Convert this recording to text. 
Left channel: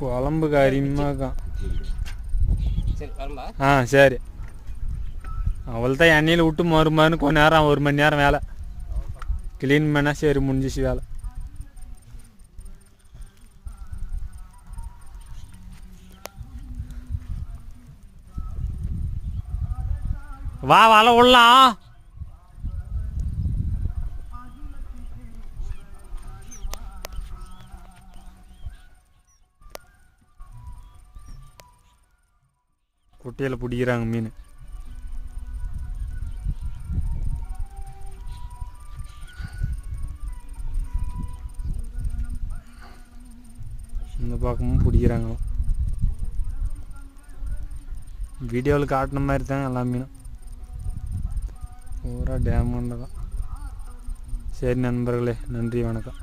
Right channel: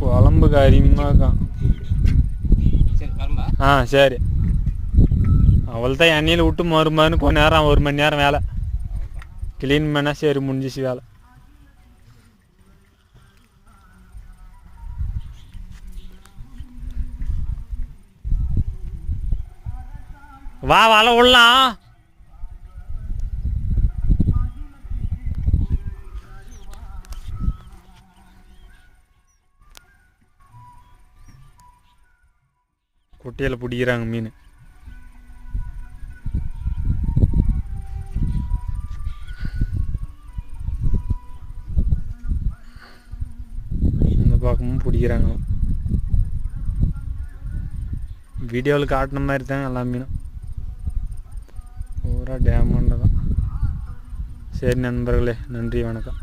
குழம்புக்கு அருமையாக சரி அவள்தான் எண்ணெயில் விட்டு மறுமாறுன்னு கொஞ்ச நேரம் 1 மணி நேரம் வேலை க்ளீன் பண்ணால் சரி முடிஞ்சிச்சு வேலை. வா வலை விடலாம். குட்டையில் பிடிக்கிறாங்க மீன். இந்த பக்கமும் பிடிக்கிறாங்க. வீடியோவில் காட்டின மாதிரி தான் எல்லா மீனும் பூரா டேமாண்ட தான். சரி நண்பர்களே, நன்றி, வணக்கம்.